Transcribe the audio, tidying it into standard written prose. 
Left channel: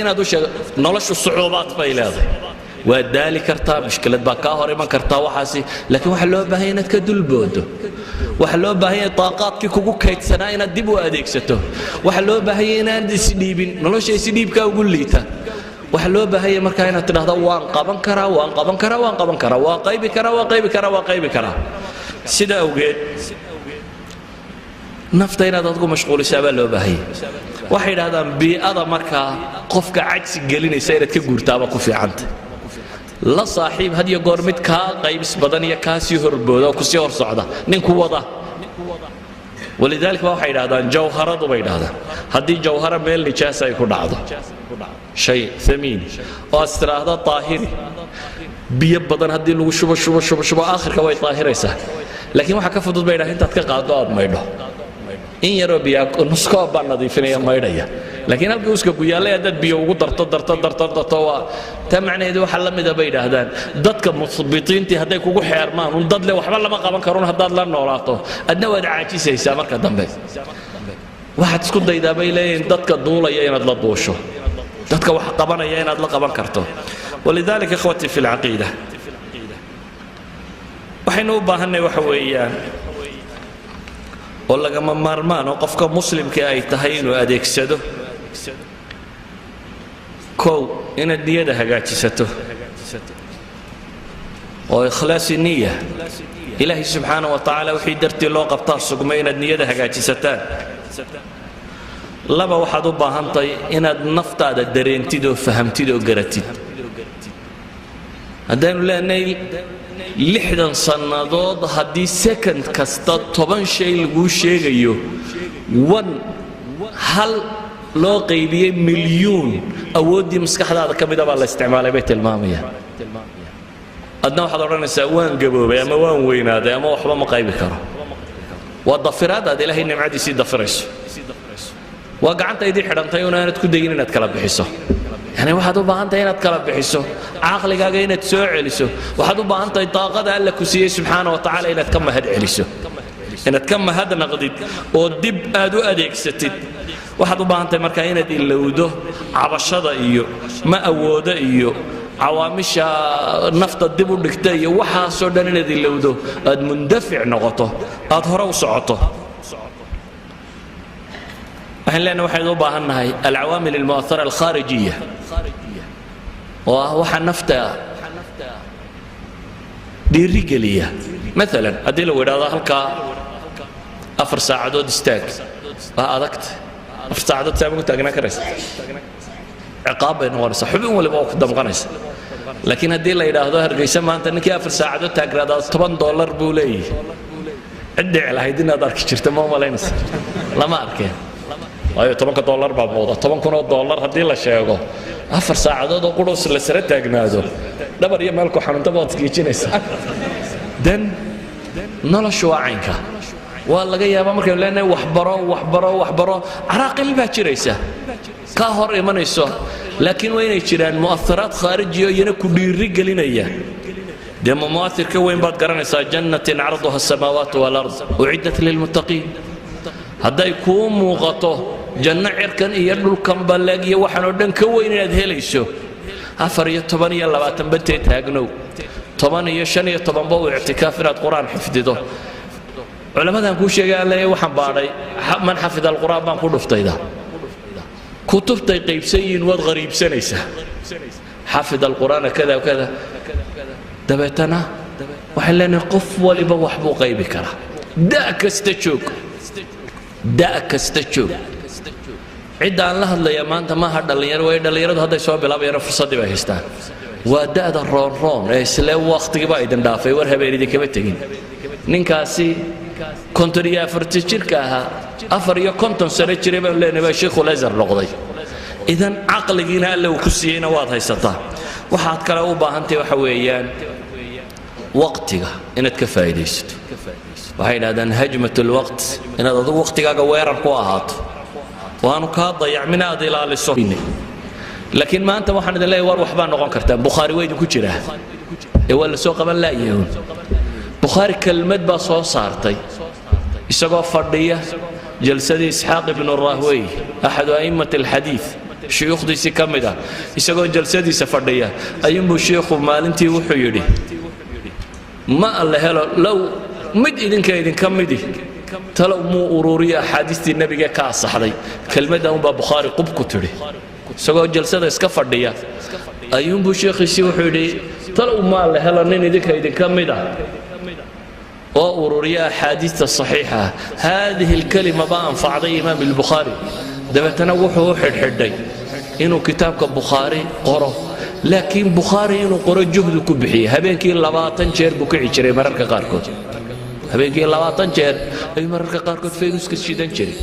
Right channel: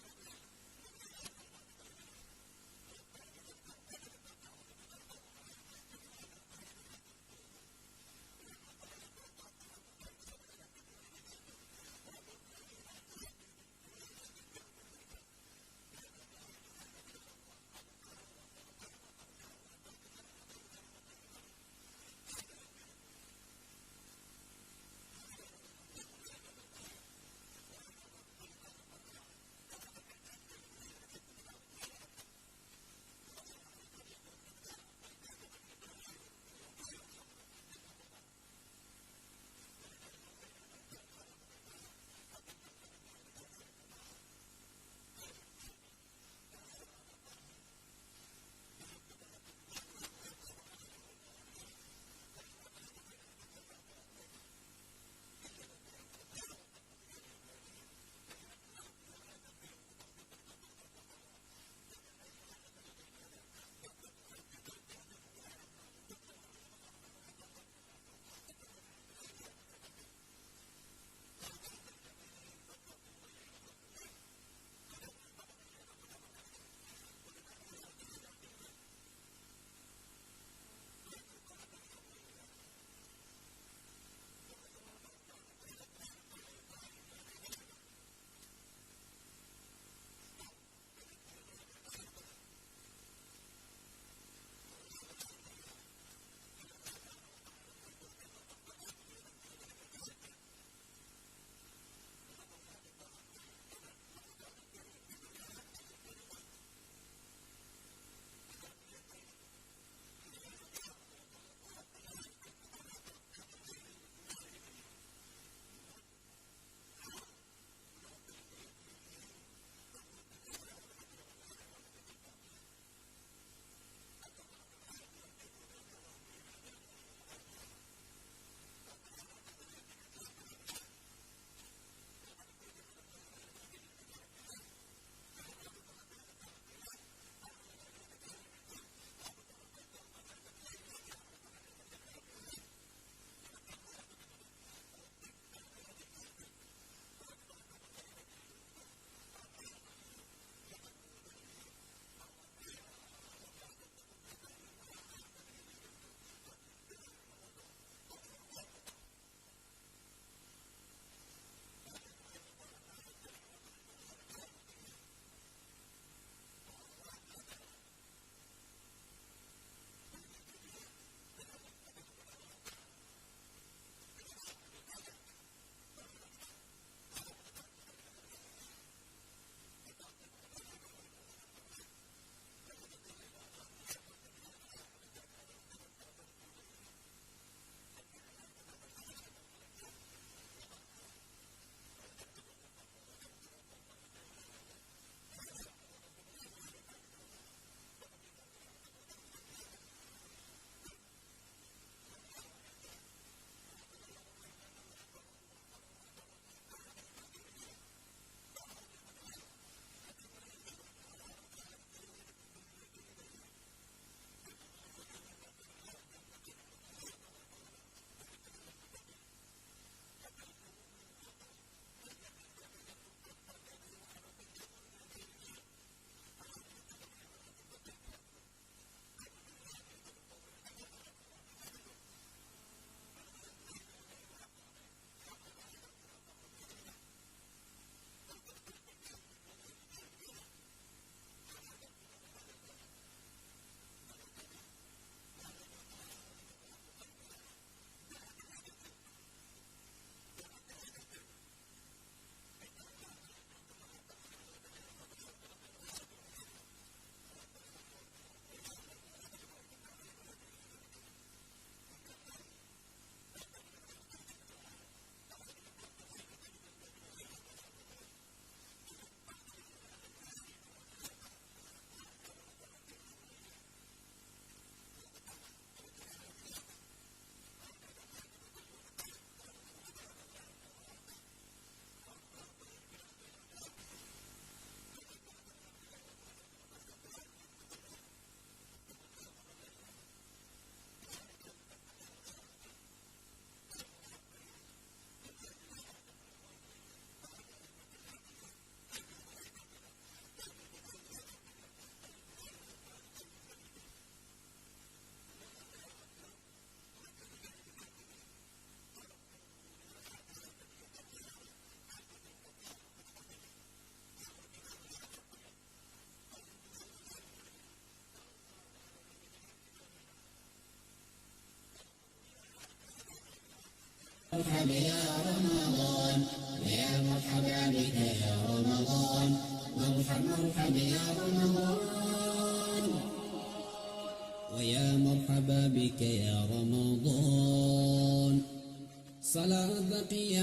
inaad u sheego noloshu sucuubaad bay leedahay waa daali kartaa mushkilad baa ka hor iman kartaa waxaasi laakiin waxa loo baahan inaad ka dulboodo waxa loo baahan taaqaadkii kugu kaydsanaa inaad dib u adeegsato waxa loo baahan inaad isdhiibin nolosha isdhiibka ugu liita waxa loo baahan markaa inaad tidhaahdo waan qaban karaa waan qaban karaa waan qaban karaa waa qaybi karaa waa qaybi karaa waa qaybi karaa sida awgeed nafta inaad adgu mashquulisaa baa loo baahan waxay yidhaahdaan bii'ada markaa qofka cagsi gelinaysa inaad ka guurtaaba ku fiicanta la saaxiib had iyo goor mid kaa qaybis badan iyo kaa sii horbooda oo ku sii hor socda ninku wada walidaalika waxay yidhaahdaan jawharadu bay yidhaahdaan haddii jawhara meel nijaasa ay ku dhacdo shay thamiin oo aad tiraahdo taahiri biyo badan haddii lagu shubo aakhirka way taahiraysaa laakiin waxa ka fudud bay yidhahdaan intaad ka qaado aad maydho in yaroo biyo nuskoo baa nadiifinaya maydhaya laakiin halkii uska ku yaallay haddaad biyo ugu darto waa taa macnaheedu waxa la mida bay yidhaahdaan dadka musbitiintii hadday kugu xeermaan un dad le waxba lama qaban karun haddaad la noolaato adna waad caajisaysaa marka dambe waxaad isku daydaa bay leeyihiin dadka duulaya inaad la duusho dadka wax qabanaya inaad la qaban karto walidaalika ikhwati fi lcaqiida waxaynu u baahanay waxa weeyaan oo lagama maarmaan oo qofka muslimka ay tahay inuu adeegsado kow inaad niyada hagaajisato oo ikhlaasi niya ilaahay subxaanahu wa tacaala wixii dartii loo qabtaa sugmay inaad niyada hagaajisataan laba waxaad u baahantahay inaad naftaada dareentid oo fahamtid oo garatid haddaanu leenahay 60 sannadood haddii second kasta 10 shay lagu sheegayo hal loo qaybiyay milyuun awoodii maskaxdaada ka mid ah baa la isticmaalay bay tilmaamayaan adna waxaad odhanaysaa waan gaboobay ama waan weynaaday ama waxba ma qaybi karo waa dafiraad aad ilaahay nimcadiisii dafirayso waa gacantaydii xidhantay unaanad ku dayin inaad kala bixiso يعني واحد وباهنتي إنك كلا بحسه عقلك هاي إنك تسوع عليسه واحد وباهنتي طاقة الله كسيه سبحانه وتعالى إنك كم هاد عليسه إنك كم هذا نقديد ودب أدو أديك ستيد واحد وباهنتي مركاينة إلا وده عبشة إيو ما أوده إيو عوامش نفط الدب والنكتة وحى سودان إلا وده أد مندفع نقطه أظهره وصعته احنا لنا واحد وباهنا هاي العوامل المؤثره الخارجيه وهو نفتا دي رجاليه مثلا ادي لو وراها هلكا 4 ساعات استاك ادكت 4 ساعات تاعو تاغنا كريس عقاب انور صحبي ولا بوك دم قنيس لكن ادي لا يراهدو هرغيسه ما انت نكي 4 ساعات تاغرادا $10 بو لي عدي على هيدنا دارك جرت ما مالينس لما اركين أيوة $10 بعوضة $10,000 هدي لا شيء 4 ساعات oo qurus la sare taagnaado dabar iyo meelku xarunta baad skiijinaysa dan noloshu waanka waa laga yaabaa markay leenahay wax baro araaqil baa jiraysa ka hor imanayso laakiin waa inay jiraan mu'atharaat khaarijiyo iyana ku dhiiri gelinaya dema mu'athirka weyn baad garanaysaa jannatin 'arduha as-samaawaatu wal ard u'iddat lil muttaqiin hadday ku muuqato janno cirkan iyo dhulkan balaag iyo waxaan oo dhan ka weyn inaad helayso 4 iyo 10 iyo 20 bantay taagnow 10 iyo 5 iyo 10 baa i'tikaaf inaad quraan xifdido culamadan ku sheegay Allah waxaan baaray man xafida al-quraan baan ku dhuftayda kutubtay qaybsayin wad qariibsanaysa xafida al-quraan kada kada dabeetana waxa leenahay qof waliba wax buu qaybi karaa daa kasta joog داك استجوب عدا الله الله يا ما أنت ما هذا اللي يروي هذا اللي يرد هذا يسوي بلا بينا فرصة دي بهستان ودا هذا الرون إسلا وقت جبا إذا دافع ورها بيريد كبتين نكاسي كونتريا فرتشير كها أفريا كونتون سرتشير بقول لنا بشيخ ولازر لقضي إذا عقل جينا له كسينا واضح يستطاع وحات كلا وباهنتي وحويان وقتها إن تكفايديست وهي هذا هجمة الوقت إن هذا وقتك ويرر كواهات وأنا كاضيع من هذه إلى السفينة لكن ما أنت واحد لا يروح بان نقول كرتان بخاري وين كجرة ولا سوق من لا يهون بخاري كلمة بصو صارتي السقف فردية جلسة إسحاق بن الراهوي أحد أئمة الحديث shuyuukhdiisii ka mid ah isagoo jalsadiisa fadhiya ayuunbuu sheekhu maalintii wuxuu yidhi ma alla helo low mid idinka midi talow muu ururiya axaadiistii nebiga ka asaxday kelmadda unbaa bukhaari qub ku tidhi isagoo jalsada iska fadhiya ayuunbuu sheekhiisii wuxuu yidhi talow ma alla helo nin idinka mid ah oo ururiya axaadiista saxiixa haadihi alkalima baa anfacday imaam albukhaari dabeetana wuxuu u xidhxidhay inuu kitaabka bukhaari qoro laakiin bukhaari inuu qoro juhdu ku bixiyey habeenkii 20 jeer buu kici jiray mararka qaarkood habeenkii 20 jeer ayuu mararka qaarkood fayruuska shidan jiray